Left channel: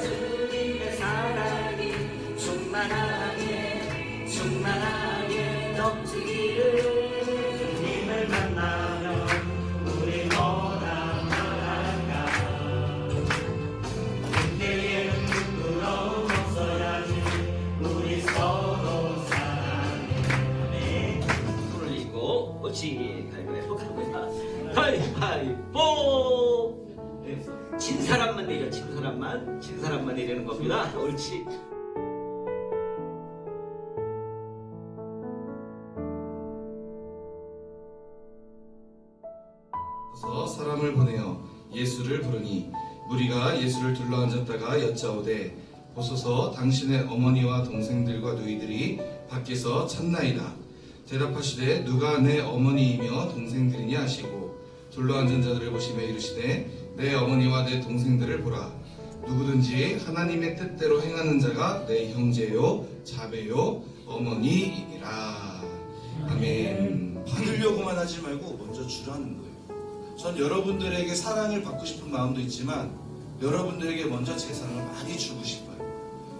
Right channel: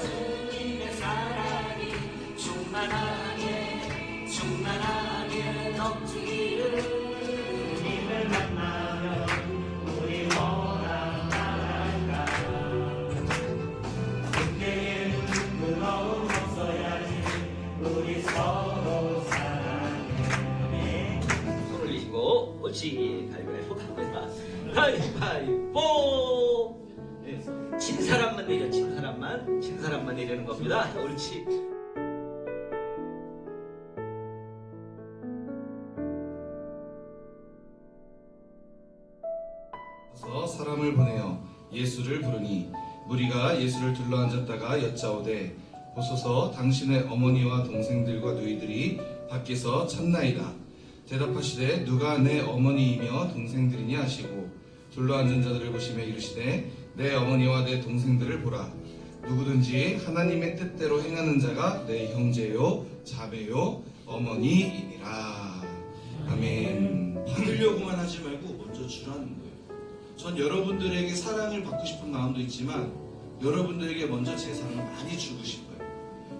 주님의 사랑이 충만하게 충만하게 옳지 가위바위보 갑니다. 가위바위보 네, 진 사람만 내려 진 사람만 진 사람만 내리는 겁니다. 옳지. 서 사람을 보내어 예수를 부르니 무리가 예수를 둘러앉았다가 여짜오되 보소서 당신의 어머니와 동생들과 누이들이 밖에서 찾나이다 대답하시되 누가 내 어머니이며 동생들이냐 하시고 둘러앉은 자들을 보시며 이르시되 내 어머니와 내 동생들을 보라 누구든지 하나님의 뜻대로 행하는 자가 내 형제요 자매요 어머니이니라 아멘 받으려고만 하지 말고 먼저 주라는 거예요. 전 여러분들에게 사랑을 받고 싶은 마음도 있지만 여러분들에게 먼저 제 사랑을 많이 주고 싶어요.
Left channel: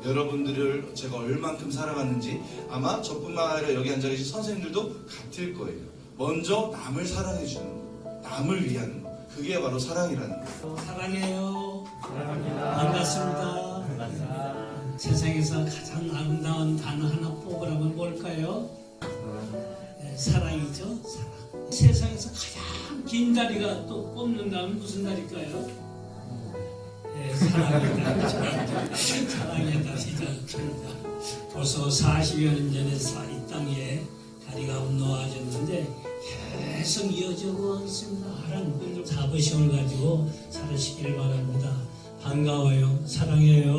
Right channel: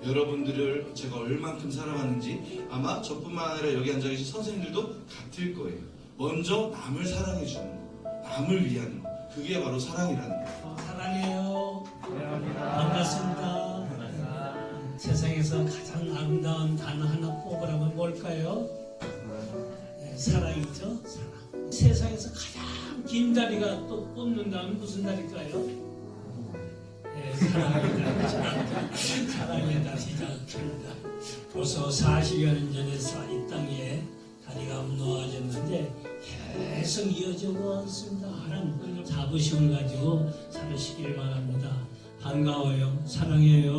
여러분들을 제가 얼만큼 사랑하는지 아마 저뿐만 아니라 여기 앉아 계신 선생님들도 같을 거예요. 먼저 남을 사랑해 주는 거, 남을 위하는 거. 그게 바로 사랑이라는 거예요. 사랑해요. 반갑습니다. 세상에서 가장 아름다운 단어 하나 뽑으라면 뭘까요? 네, 사랑이죠. 사랑. 세상에서 가장 긴 다리가 또 뽑는다면 무슨 다리일까요? 네, 사랑의 다리가 깁니다. 벌써 40여 년 전에 사- 이 땅에 다리가 놓아졌는데 계속 이어지고 있습니다. 하나님 자부심을 가지고 살으시길 바랍니다. 반가워요. 사랑해요.